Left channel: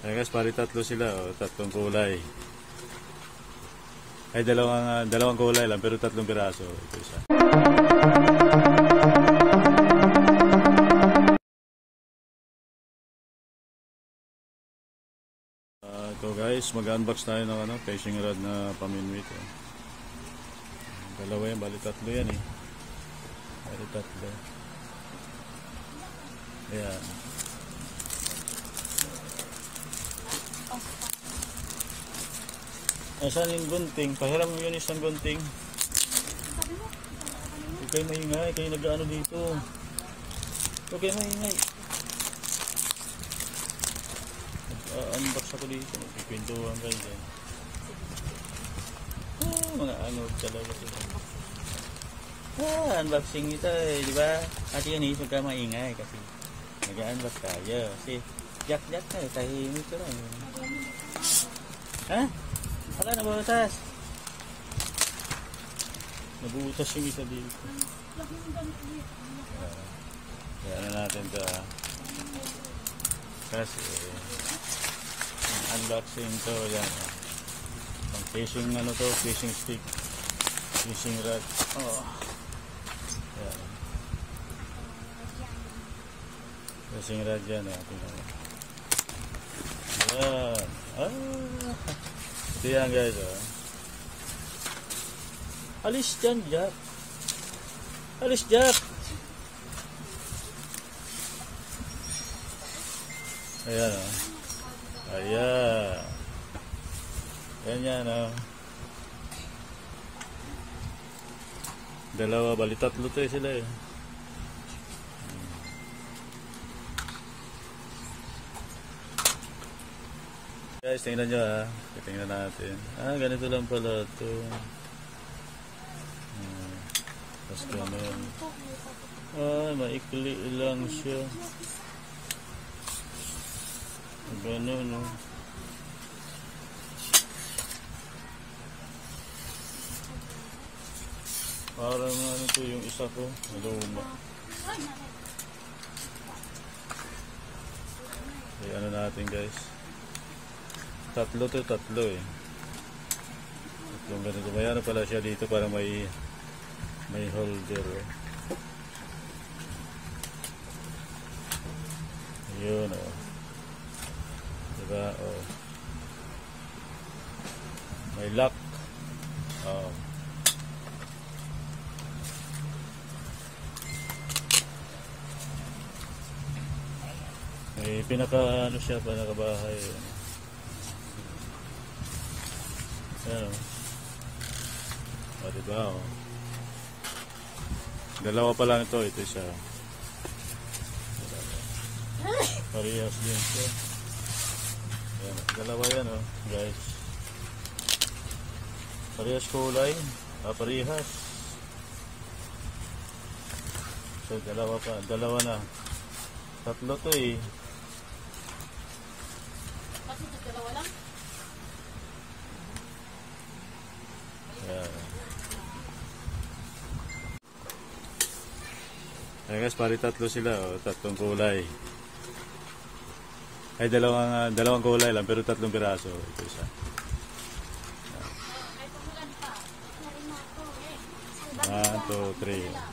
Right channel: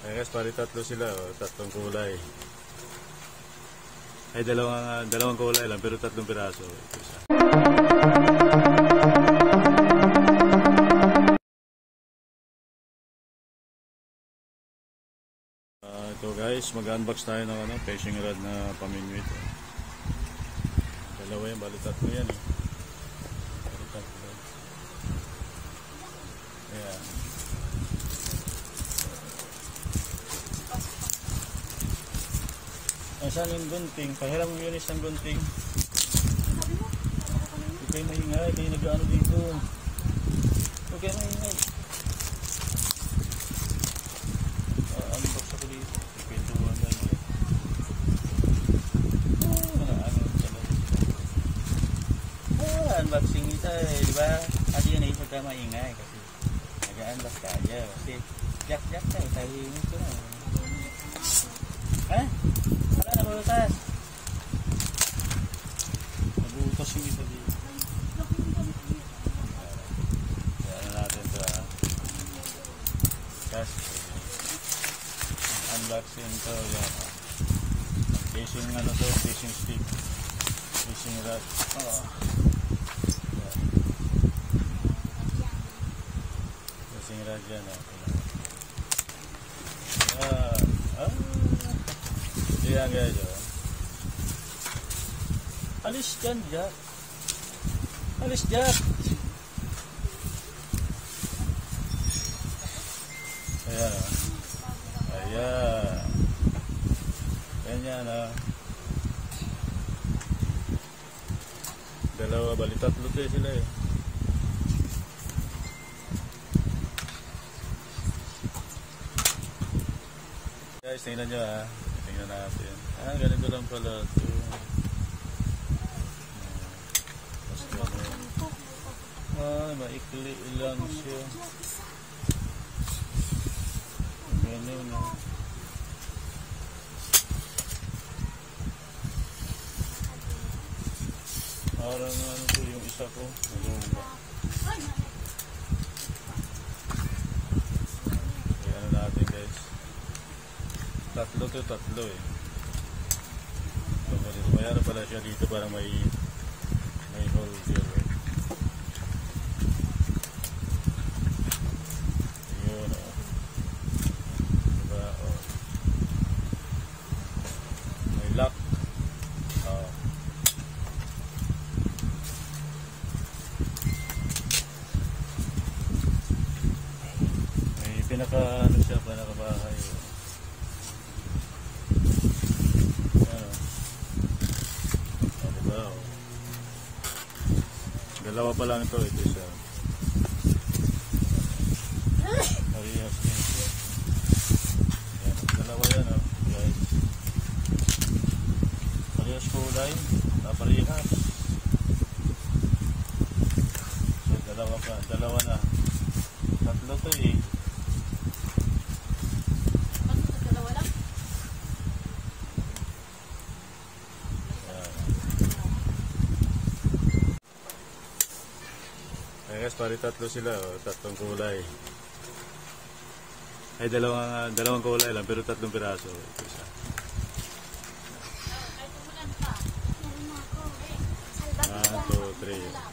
Eh guys, pari tatlo sila, tatlong kulay. Ay, dalawang kulay lang, pero tatlong piraso. Ito isa. Ito guys, mag-unbox tayo ng fishing rod na paminwit. Dalawa yan, bali tatlo yan eh. Bali tatlo. Ayan. Saan yung gunting? Pahiram mo yun isang gunting. Hindi kayo maingay, kayo nag-ano dito. Huwag kayo maingay. Unbox ako dito. Ipintuhan kayo dyan. Mga ano talaga. Unboxing nito eh, di ba? Kasi yun eh, huwag ka maingay kasi nag-unbox tayo. Kasi jack-jack ka, tahimik ka lang. Ha? Wala na butas. Nabutas yung isa dito. Kaya natin ito. Kasi unboxing ito. Fishing ano to, fishing stick. Fishing rod. Fishing rod yan. Ito yan guys. Alis dyan, Jack. Alis, Jack. Ayan. Ayan. Ganyan dalawa, bali tatlo to sila eh. Guys, tingnan nyo tingnan natin. Ganito lang pala ito. Tapos ganun. Maikli lang siya. Ganun parang ano to yung isa ko. Luma. Okay, ano natin guys. Tatlo eh. Yung ganito, mayroon pala siya dito para may holder eh. Ayun diba may lock. May pinakabahay diba? Dalawa pa lang ito siya. Parehas din siya. Dalawa yan guys. Parehas kulay. Parehas. Dalawa na. Tatlo to eh. Dalawa lang? Guys, pari tatlo sila, tatlong kulay. Ay, dalawang kulay lang, pero tatlong piraso. Ito isa. 1, 2, 3.